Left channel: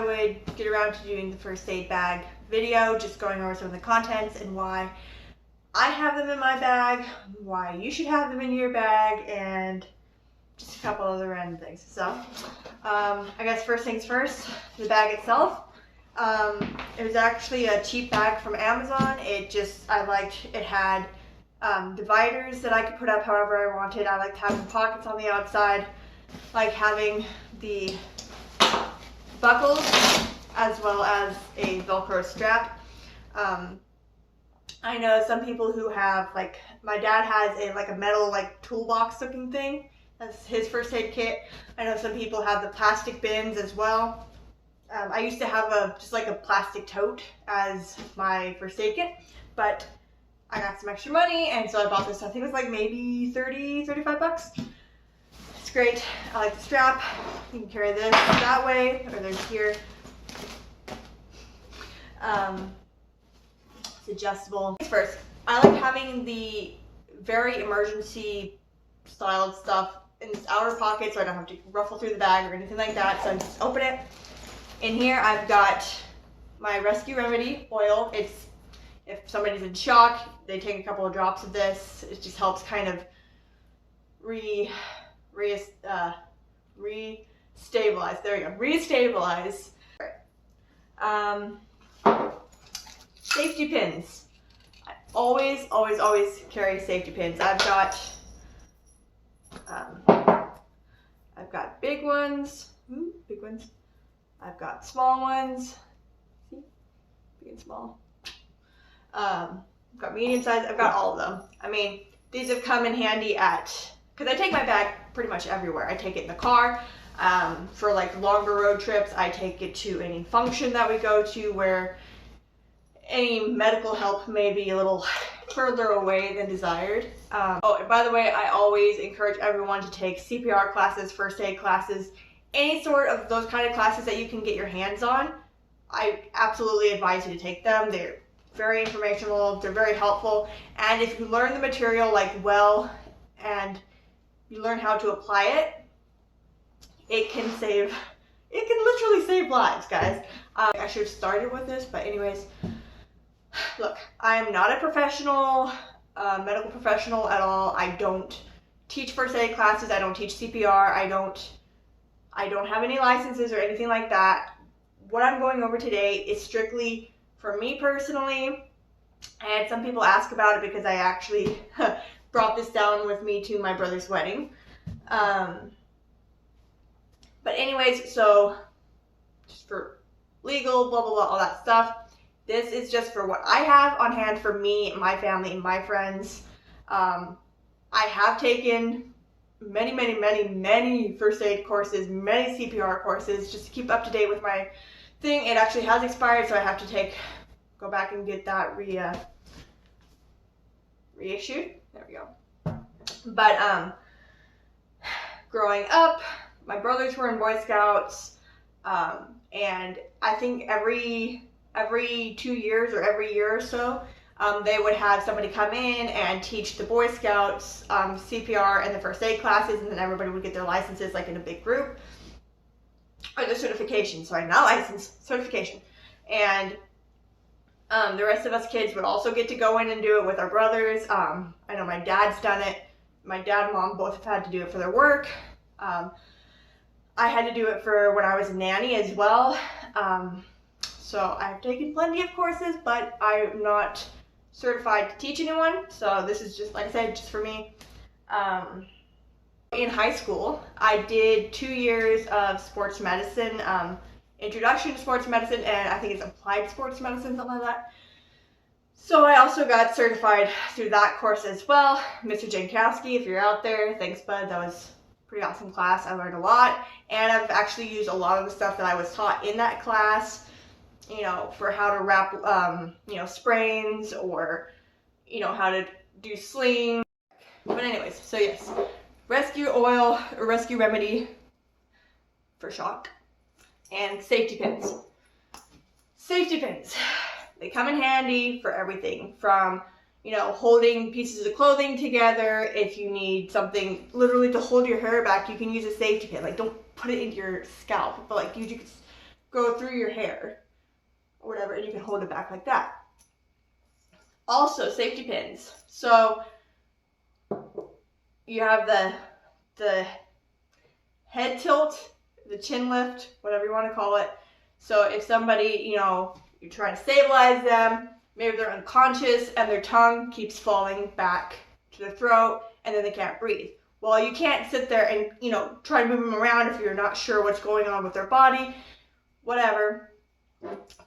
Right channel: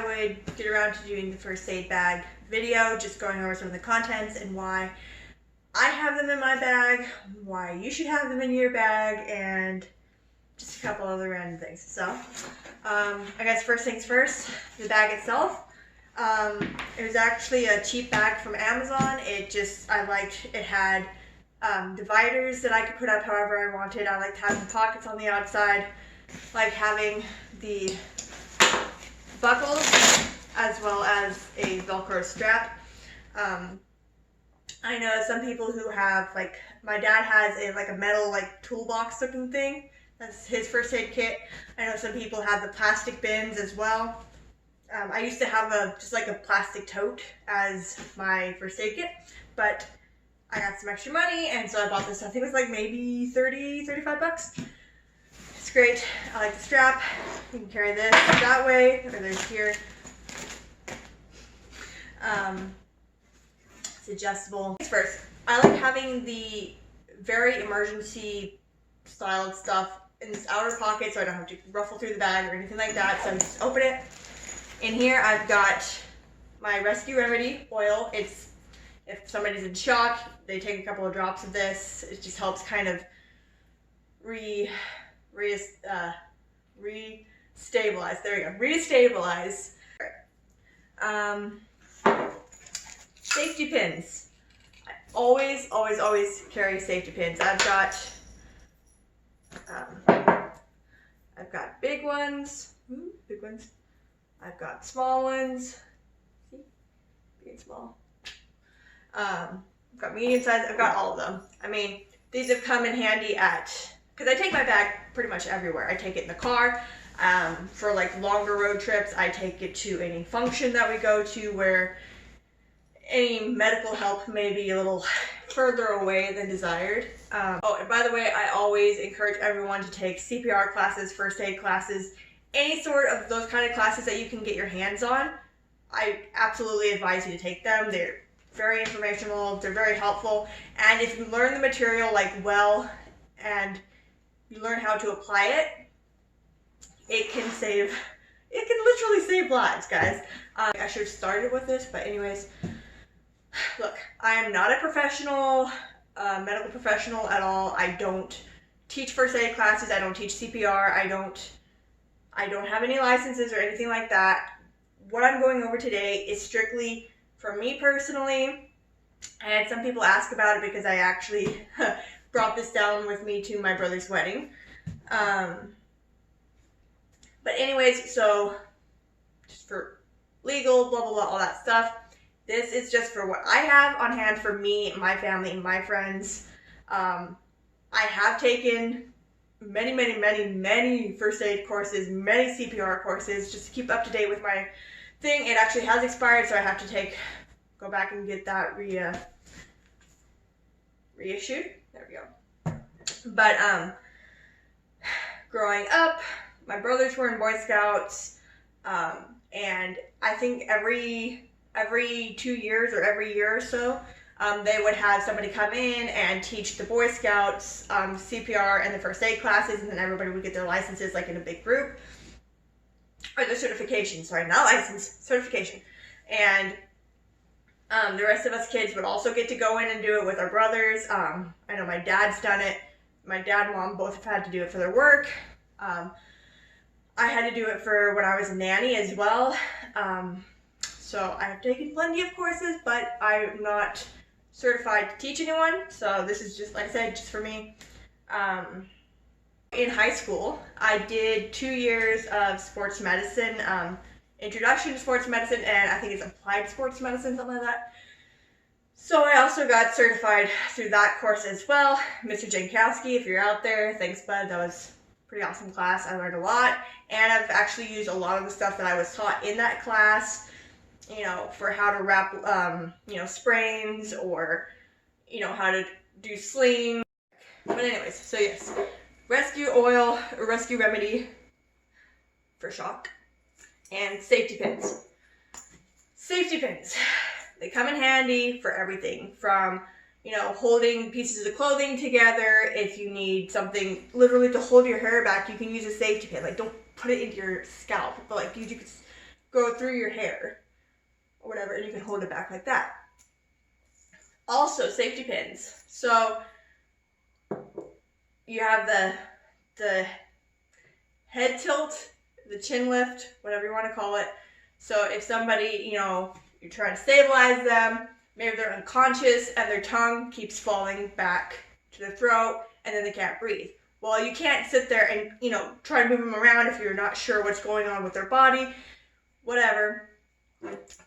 I would get around to doing the first aid bag video, just going over some of the contents and why I have them in my bag, why you should have them in your bag, and just a couple other random things. So, I guess first things first, the bag itself. It was actually a cheap bag from Amazon. I liked, it had dividers that I could put up however I wanted. I liked having pockets on the outside, like having the buckles as well as a Velcro strap. I know some people who have, like, my dad has a metal toolbox looking thing. That's his first aid kit. I know some people have the plastic bins as well. I used to have just a plastic tote as my first aid kit, but I got some extra money and so I bought this. I think it was like maybe 30, 35 bucks. It's great. I like the strap. You can carry this that way, or there's here. It's adjustable. First, I like having the very emergency styled stuff in this outer pocket so I don't have to ruffle through the bag or anything like that. So I just open it. In here I've got my Rescue Remedy oil. It's, if somebody's in shock, they take a couple of drops of this. It just helps kind of re-stabilize. There we go. Re-stabilize. Safety pins. I always carry safety pins. I've got big ones. Big ones. I've got small ones. See? Big and small. I've got medium size. I've got all of them. I mean, these have come in handy because I take my bag pretty much everywhere. I take it in the car. For longer road trips, I take it to any function that we go to where any medical help may be a little further away than desired. Oh, and by the way, I always encourage everyone to take CPR classes, first aid classes, any sort of those kind of classes that you can get your hands on. I absolutely advise you to take them. They're very informational, they're very helpful, and if you learn the material well and you learn how to apply it, it can literally save lives, guys. I should have started with this, but anyways, look, I am not a professional, medical professional at all. I don't teach first aid classes, I don't teach CPR, I don't have any licenses or anything like that. What I'm going over today is strictly for me personally, and some people ask about it because I actually brought this down with me to my brother's wedding. But anyways, so just for legal, blah, blah, blah, all that stuff. This is just for what I have on hand for me, my family, and my friends. I have taken many first aid courses, many CPR courses, just to keep up to date with my thing. It actually has expired, so I have to go back and get that reissued. There we go. But growing up, my brothers were in Boy Scouts, and I think every 2 years or every year or so, they would have somebody come in and teach the Boy Scouts CPR and the first aid classes, and then everybody would get their licenses in a big group. Or their certification, sorry, not license, certification. And the rest of us kids would also get to go in and do it with our brothers. I know my dad's done it. My dad and mom both have had to do it for their work. I had to do it for when I was a nanny as well. So I have taken plenty of courses, but I'm not certified to teach anyone. So this is just, like I said, just for me. In high school, I did 2 years of sports medicine, introduction to sports medicine, and I think it's applied sports medicine, something like that. So I also got certified through that course as well. Mr. Jankowski, if you're out there, thanks bud, that was a pretty awesome class. I learned a lot, and I've actually used a lot of the stuff that I was taught in that class, for how to wrap, sprains, or, how to do slings. But anyways, so yes, rescue oil, or Rescue Remedy for shock, and safety pins. Safety pins. They come in handy for everything from, holding pieces of clothing together. If you need something literally to hold your hair back, you can use a safety pin. Don't put it into your scalp, but you just go through your hair or whatever, and you can hold it back like that. Also, safety pins. So you have the head tilt, the chin lift, whatever you want to call it. So if somebody, you're trying to stabilize them, maybe they're unconscious and their tongue keeps falling back to the throat and then they can't breathe. Well, you can't sit there and, try to move them around if you're not sure what's going on with their body, whatever.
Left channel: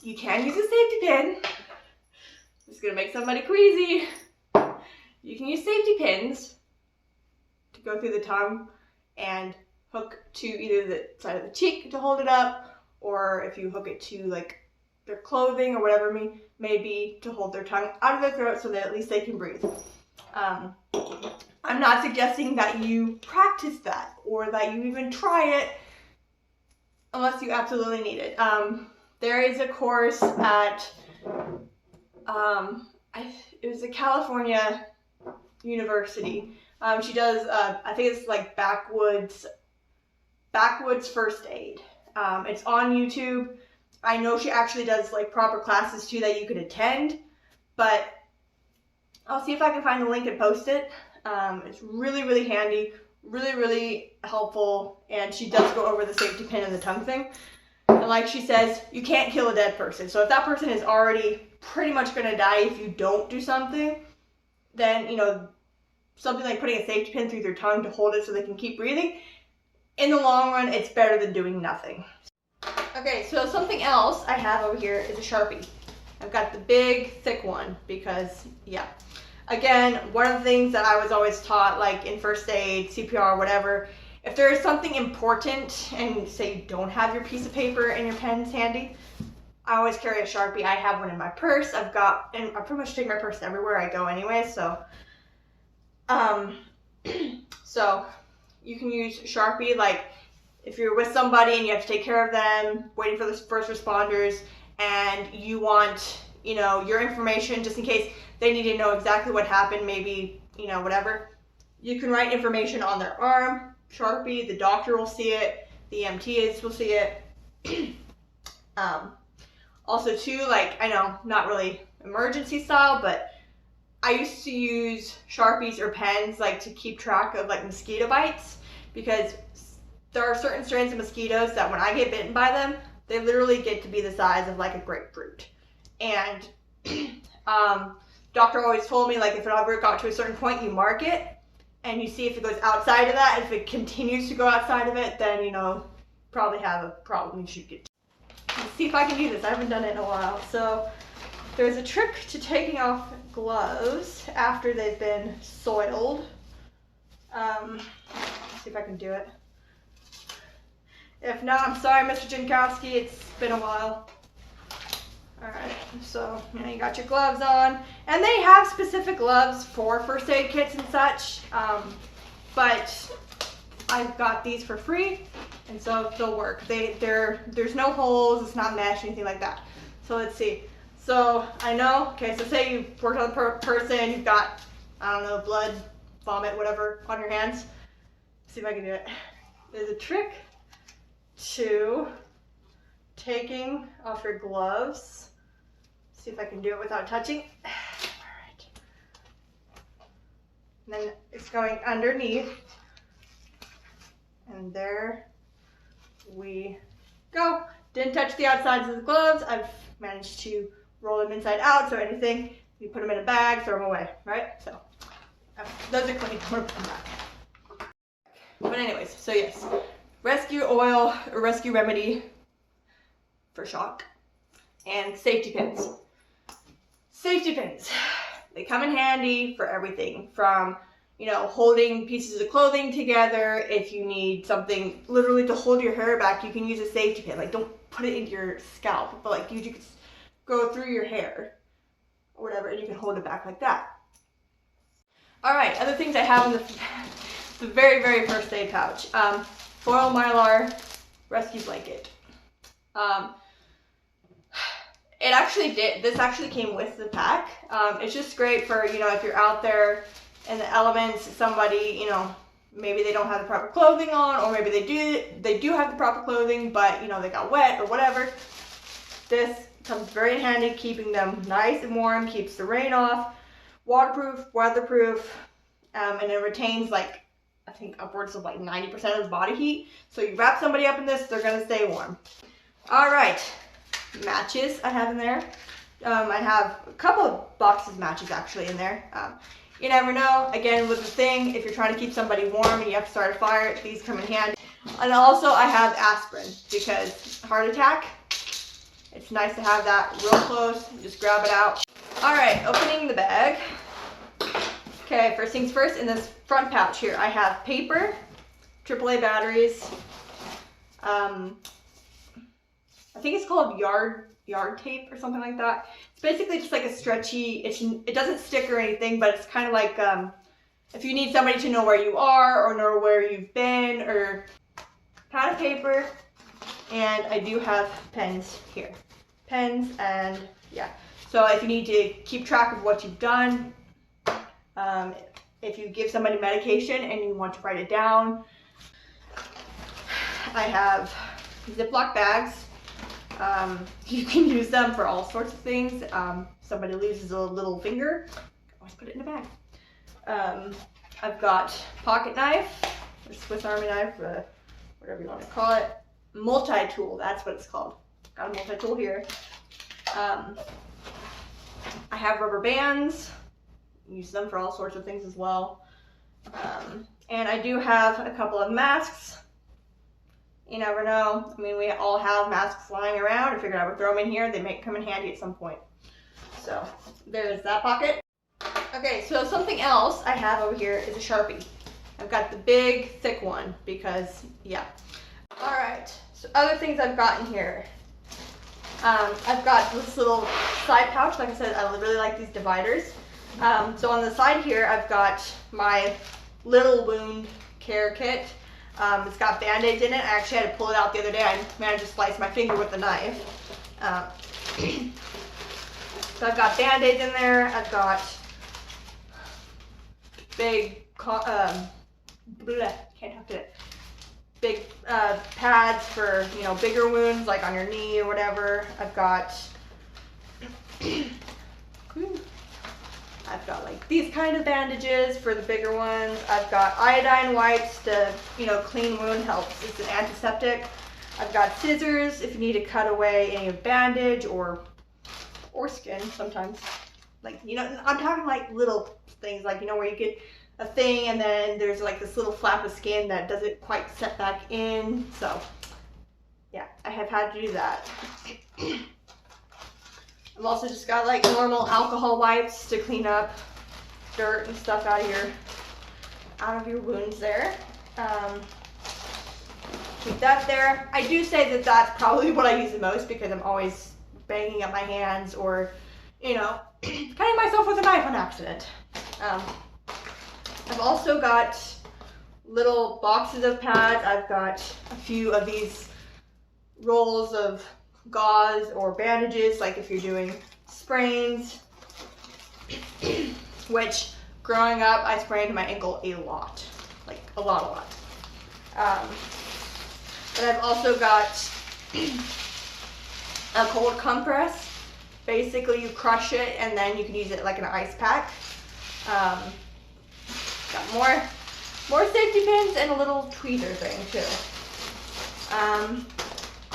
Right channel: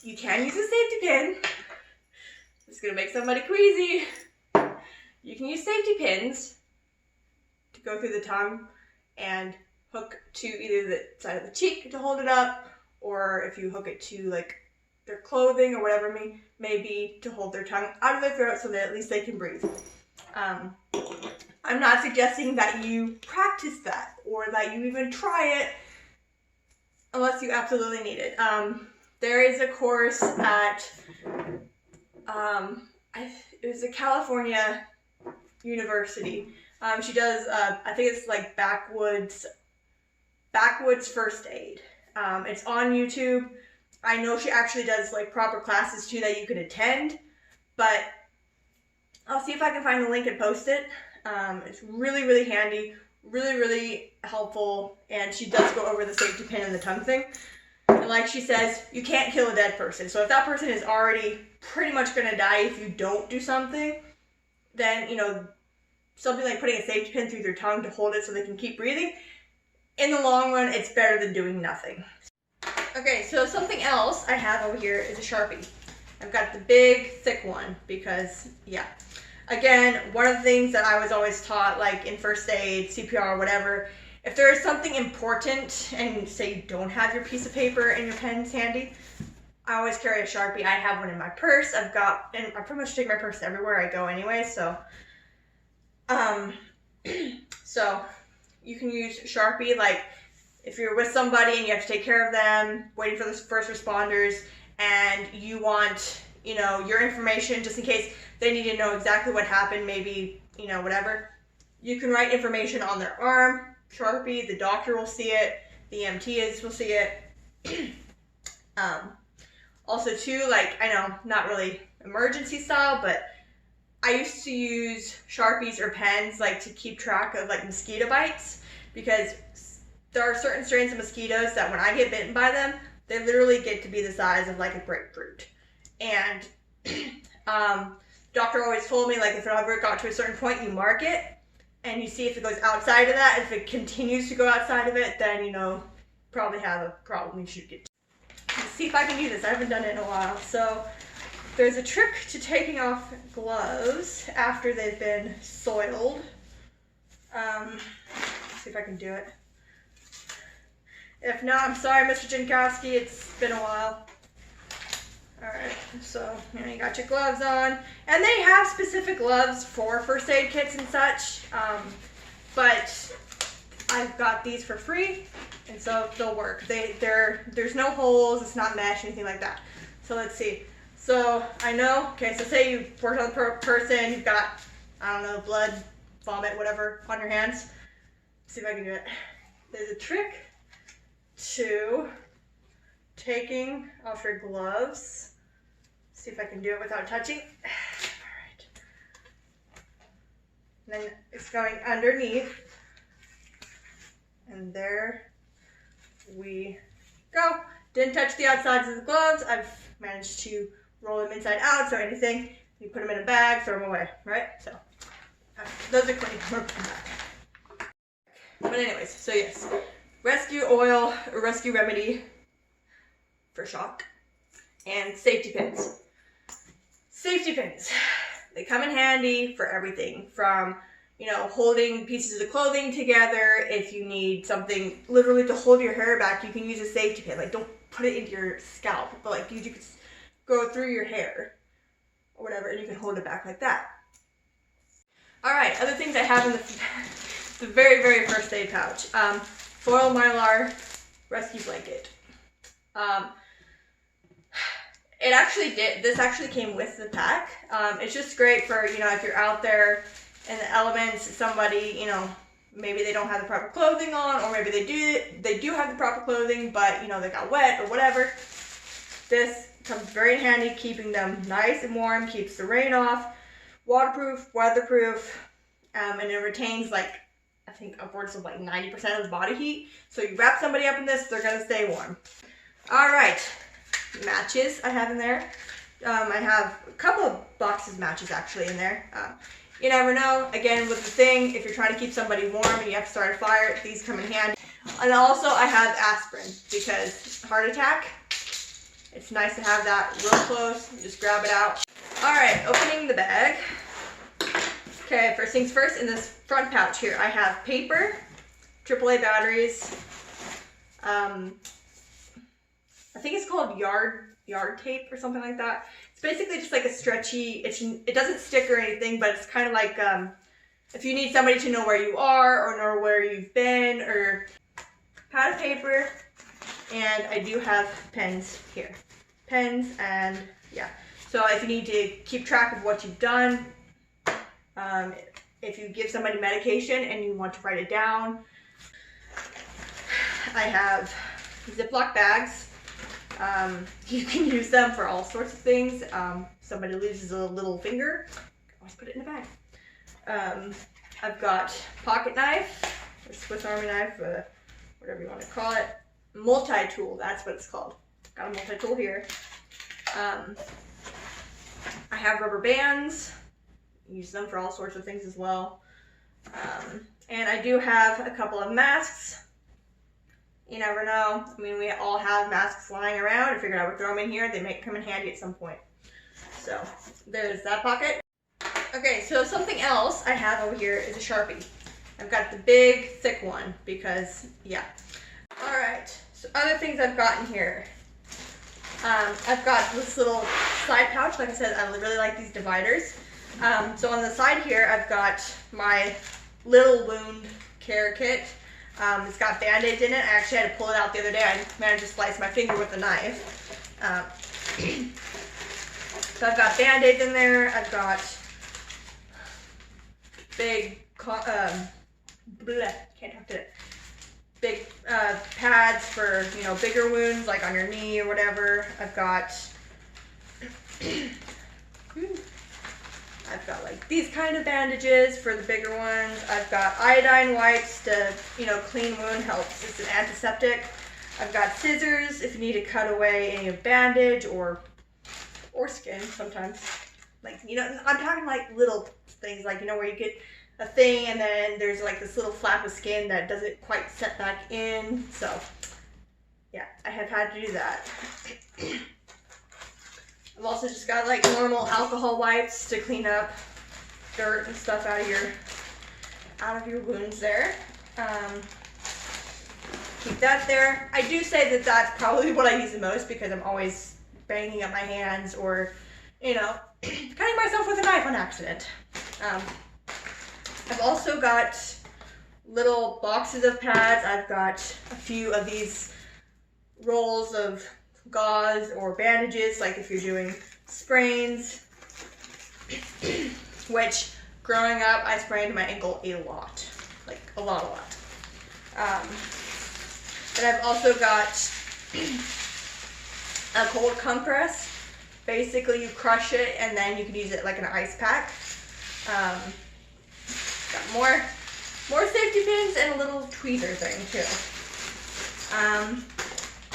You can use a safety pin. It's going to make somebody queasy. You can use safety pins to go through the tongue and hook to either the side of the cheek to hold it up, or if you hook it to like their clothing or whatever may be to hold their tongue out of their throat so that at least they can breathe. I'm not suggesting that you practice that or that you even try it unless you absolutely need it. There is a course at, it was a California university. She does, I think it's like backwoods first aid. It's on YouTube. I know she actually does like proper classes too that you could attend, but I'll see if I can find the link and post it. It's really, really handy, really, really helpful, and she does go over the safety pin and the tongue thing. And like she says, you can't kill a dead person. So if that person is already pretty much going to die if you don't do something, then, something like putting a safety pin through their tongue to hold it so they can keep breathing, in the long run, it's better than doing nothing. Okay, so something else I have over here is a Sharpie. I've got the big, thick one because, yeah. Again, one of the things that I was always taught, like in first aid, CPR, whatever, if there is something important and say you don't have your piece of paper and your pens handy, I always carry a Sharpie. I have one in my purse. And I pretty much take my purse everywhere I go anyway, so. So you can use Sharpie, like if you're with somebody and you have to take care of them, waiting for the first responders, and you want, your information just in case they need to know exactly what happened, maybe, whatever. You can write information on their arm, Sharpie, the doctor will see it, the EMTs will see it. Also too, like, I know, not really emergency style, but I used to use Sharpies or pens like to keep track of like mosquito bites, because there are certain strains of mosquitoes that when I get bitten by them, they literally get to be the size of like a grapefruit. And doctor always told me, like, if it ever got to a certain point, you mark it and you see if it goes outside of that. If it continues to go outside of it, then probably have a problem. You should get. Let's see if I can do this. I haven't done it in a while. So there's a trick to taking off gloves after they've been soiled. Let's see if I can do it. If not, I'm sorry, Mr. Jankowski, it's been a while. Alright, so you got your gloves on. And they have specific gloves for first aid kits and such. But I've got these for free, and so they'll work. There's no holes, it's not mesh, anything like that. So let's see. So I know, okay, so say you worked on a person, you've got, I don't know, blood, vomit, whatever, on your hands. Let's see if I can do it. There's a trick to taking off your gloves. Let's see if I can do it without touching. Alright. Then it's going underneath. And there we go. Didn't touch the outsides of the gloves. I've managed to roll them inside out, so anything, you put them in a bag, throw them away, right? So, those are clean. We'll come back. But anyways, so yes, rescue oil, or rescue remedy for shock, and safety pins. Safety pins, they come in handy for everything from, holding pieces of the clothing together. If you need something literally to hold your hair back, you can use a safety pin. Like, don't put it into your scalp, but like you could go through your hair or whatever, and you can hold it back like that. All right, other things I have in the very, very first aid pouch. Foil Mylar rescue blanket. This actually came with the pack. It's just great for, if you're out there in the elements, somebody, maybe they don't have the proper clothing on, or maybe they do have the proper clothing, but you know, they got wet or whatever. This comes very handy, keeping them nice and warm, keeps the rain off, waterproof, weatherproof, and it retains like, I think upwards of like 90% of the body heat. So you wrap somebody up in this, they're gonna stay warm. All right, matches I have in there. I have a couple of boxes of matches actually in there. You never know. Again, with the thing, if you're trying to keep somebody warm and you have to start a fire, these come in handy. And also I have aspirin because heart attack, it's nice to have that real close. Just grab it out. All right, opening the bag. Okay, first things first, in this front pouch here, I have paper, AAA batteries. I think it's called yard tape or something like that. It's basically just like a stretchy, it doesn't stick or anything, but it's kind of like if you need somebody to know where you are or know where you've been, or pad of paper, and I do have pens here. Pens, and yeah. So if you need to keep track of what you've done, if you give somebody medication and you want to write it down, I have Ziploc bags. You can use them for all sorts of things. Somebody loses a little finger, always put it in a bag. I've got pocket knife, or Swiss Army knife, whatever you want to call it. Multi-tool, that's what it's called. Got a multi-tool here. I have rubber bands. Use them for all sorts of things as well. And I do have a couple of masks. You never know. I mean, we all have masks lying around. I figured I would throw them in here. They may come in handy at some point. So there's that pocket. Okay, so something else I have over here is a Sharpie. I've got the big, thick one because, yeah. All right, so other things I've got in here. I've got this little side pouch. Like I said, I really like these dividers. So on the side here, I've got my little wound care kit. It's got Band-Aids in it. I actually had to pull it out the other day. I managed to slice my finger with a knife. So I've got Band-Aids in there. I've got big, big pads for, you know, bigger wounds, like on your knee or whatever. I've got like these kind of bandages for the bigger ones. I've got iodine wipes to, you know, clean wound helps. It's an antiseptic. I've got scissors if you need to cut away any bandage or skin sometimes. Like, you know, I'm talking like little things, like, you know, where you get a thing and then there's like this little flap of skin that doesn't quite set back in. So yeah, I have had to do that. I've also just got like normal alcohol wipes to clean up dirt and stuff out of your wounds there. Keep that there. I do say that that's probably what I use the most because I'm always banging up my hands or, you know, cutting myself with a knife on accident. I've also got little boxes of pads. I've got a few of these rolls of gauze or bandages, like if you're doing sprains, which growing up I sprained my ankle a lot, like a lot. And I've also got a cold compress. Basically you crush it and then you can use it like an ice pack. Got more safety pins and a little tweezer thing too.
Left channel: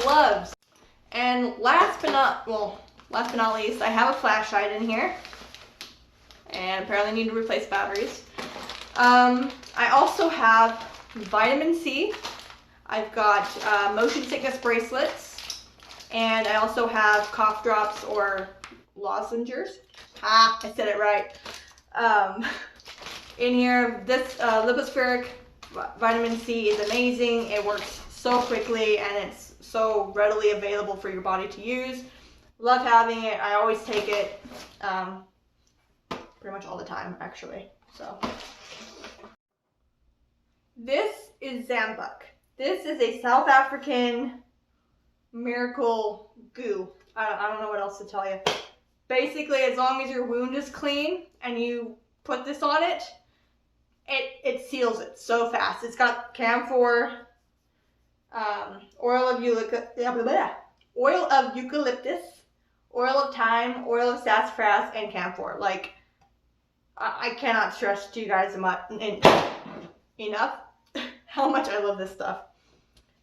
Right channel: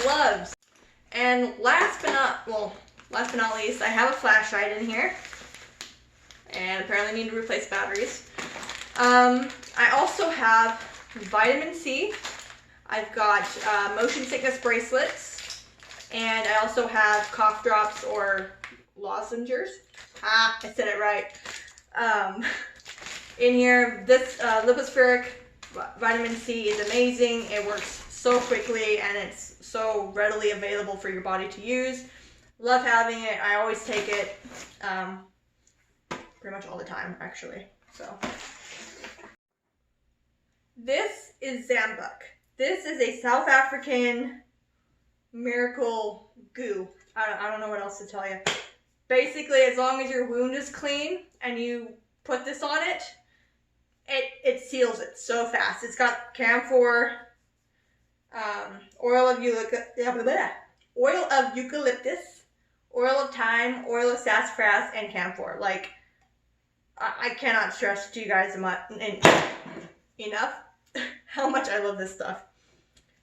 Gloves. And last but not least, I have a flashlight in here. And apparently need to replace batteries. I also have vitamin C. I've got motion sickness bracelets. And I also have cough drops or lozenges. I said it right. In here, this Lipospheric vitamin C is amazing. It works so quickly and it's so readily available for your body to use. Love having it. I always take it pretty much all the time, actually. So this is Zambuk. This is a South African miracle goo. I don't know what else to tell you. Basically, as long as your wound is clean and you put this on it, it seals it so fast. It's got camphor, oil of eucalyptus, oil of thyme, oil of sassafras, and camphor. Like, I cannot stress to you guys enough how much I love this stuff.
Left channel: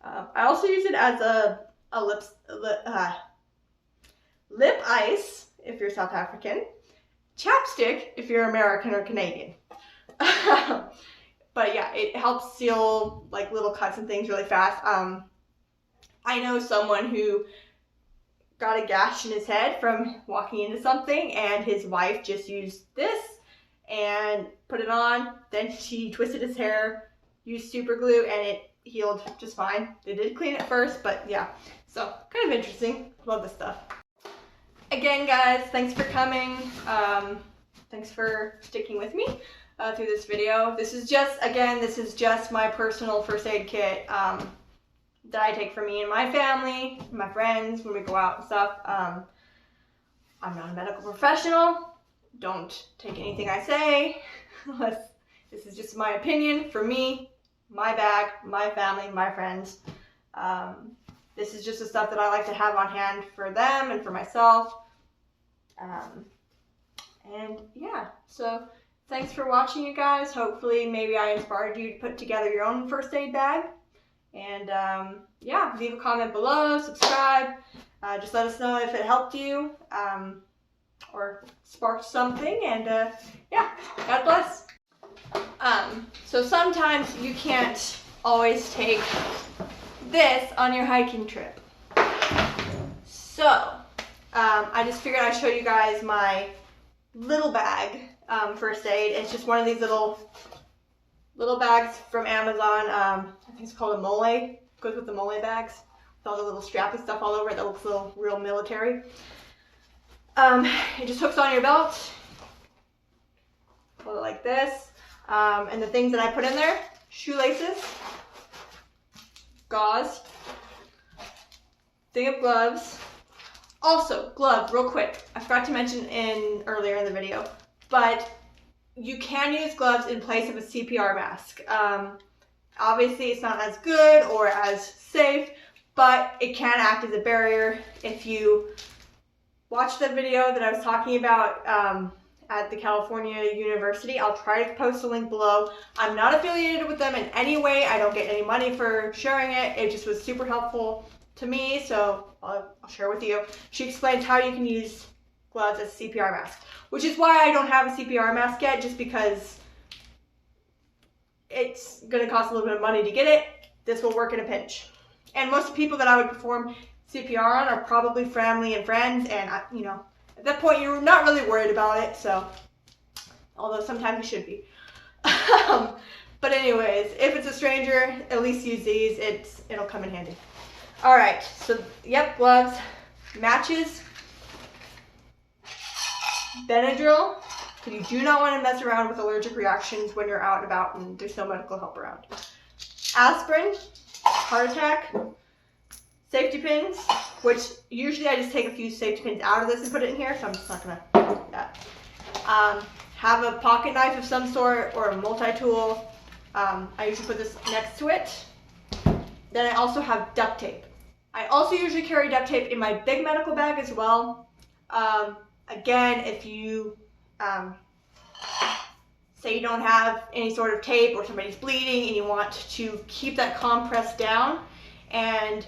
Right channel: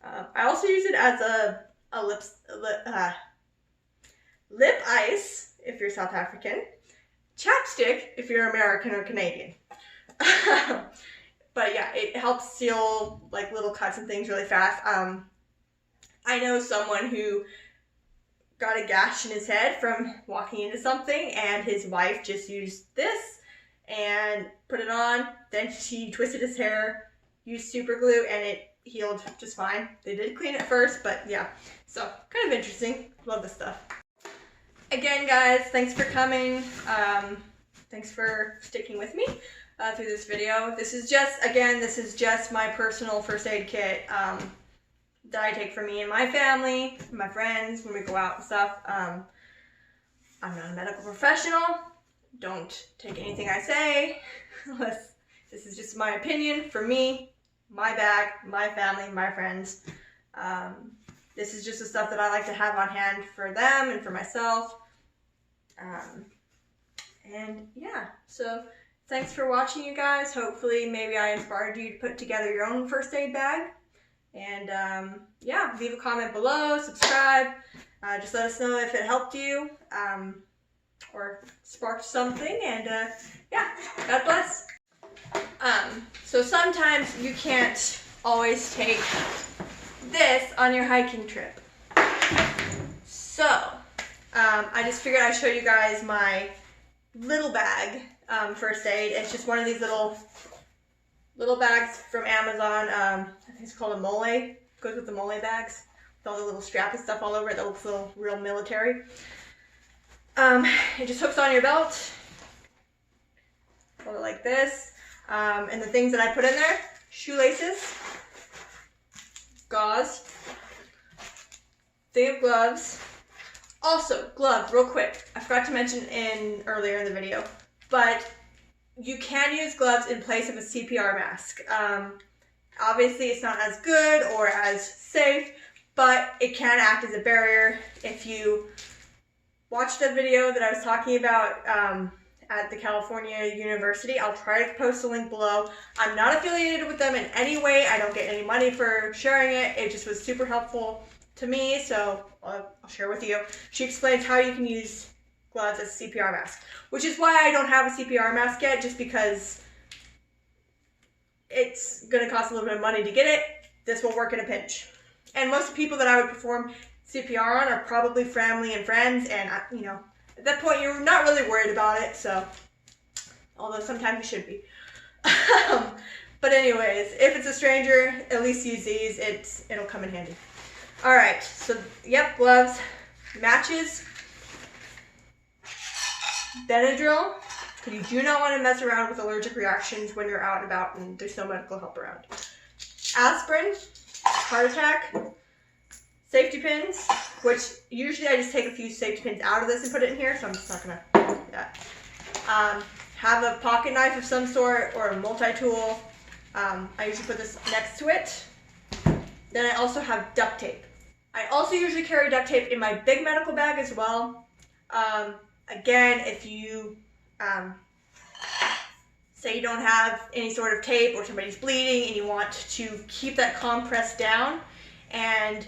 I also use it as a lip ice if you're South African, chapstick if you're American or Canadian. But yeah, it helps seal like little cuts and things really fast. I know someone who got a gash in his head from walking into something, and his wife just used this and put it on. Then she twisted his hair, used super glue, and it healed just fine. They did clean it first, but yeah. So kind of interesting. Love this stuff. Again, guys, thanks for coming. Thanks for sticking with me through this video. This is just my personal first aid kit that I take for me and my family, my friends, when we go out and stuff. I'm not a medical professional. Don't take anything I say unless this is just my opinion for me, my bag, my family, my friends. This is just the stuff that I like to have on hand for them and for myself. And yeah, so thanks for watching, you guys. Hopefully maybe I inspired you to put together your own first aid bag. And yeah, leave a comment below, subscribe. Just let us know if it helped you or sparked something. And yeah, God bless. So sometimes you can't always take this on your hiking trip. So I just figured I'd show you guys my little bag first aid. It's just one of these little bags from Amazon. I think it's called a mole. It goes with the mole bags with all the little strappy stuff all over it that looks a little real military. It just hooks on your belt. Hold it like this. And the things that I put in there: shoelaces, gauze, thing of gloves. Also, gloves, real quick. I forgot to mention earlier in the video, but you can use gloves in place of a CPR mask. Obviously, it's not as good or as safe, but it can act as a barrier. If you watch the video that I was talking about at the California University, I'll try to post a link below. I'm not affiliated with them in any way. I don't get any money for sharing it. It just was super helpful to me, so I'll share with you. She explains how you can use gloves as a CPR mask, which is why I don't have a CPR mask yet, just because it's going to cost a little bit of money to get it. This will work in a pinch. And most people that I would perform CPR on are probably family and friends, and you know, at that point you're not really worried about it, so, although sometimes you should be. But anyways, if it's a stranger, at least use these. It'll come in handy. Alright, so yep, gloves, matches, Benadryl, because you do not want to mess around with allergic reactions when you're out and about and there's no medical help around. Aspirin, heart attack, safety pins, which usually I just take a few safety pins out of this and put it in here, so I'm just not going to do that. Have a pocket knife of some sort or a multi-tool. I usually put this next to it. Then I also have duct tape. I also usually carry duct tape in my big medical bag as well. Again, if you say you don't have any sort of tape or somebody's bleeding and you want to keep that compress down, and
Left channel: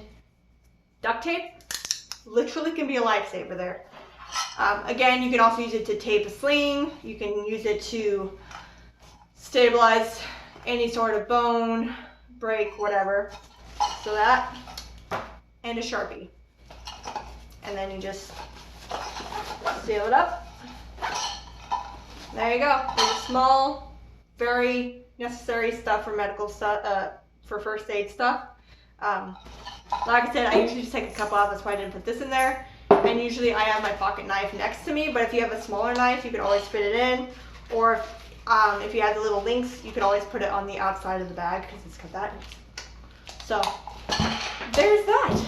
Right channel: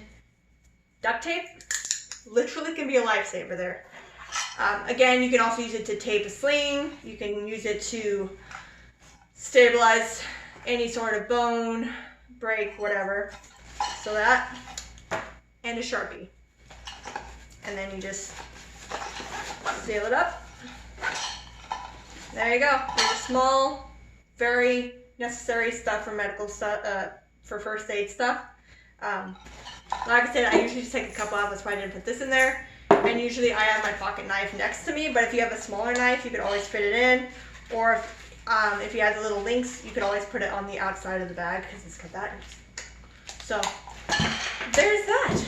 duct tape literally can be a lifesaver there. Again, you can also use it to tape a sling. You can use it to stabilize any sort of bone, break, whatever. So that, and a Sharpie. And then you just seal it up. There you go. There's small, very necessary stuff for medical stuff, for first aid stuff. Like I said, I usually just take a cup off. That's why I didn't put this in there. And usually I have my pocket knife next to me, but if you have a smaller knife, you can always fit it in. Or if you have the little links, you can always put it on the outside of the bag because it's got that. So there's that.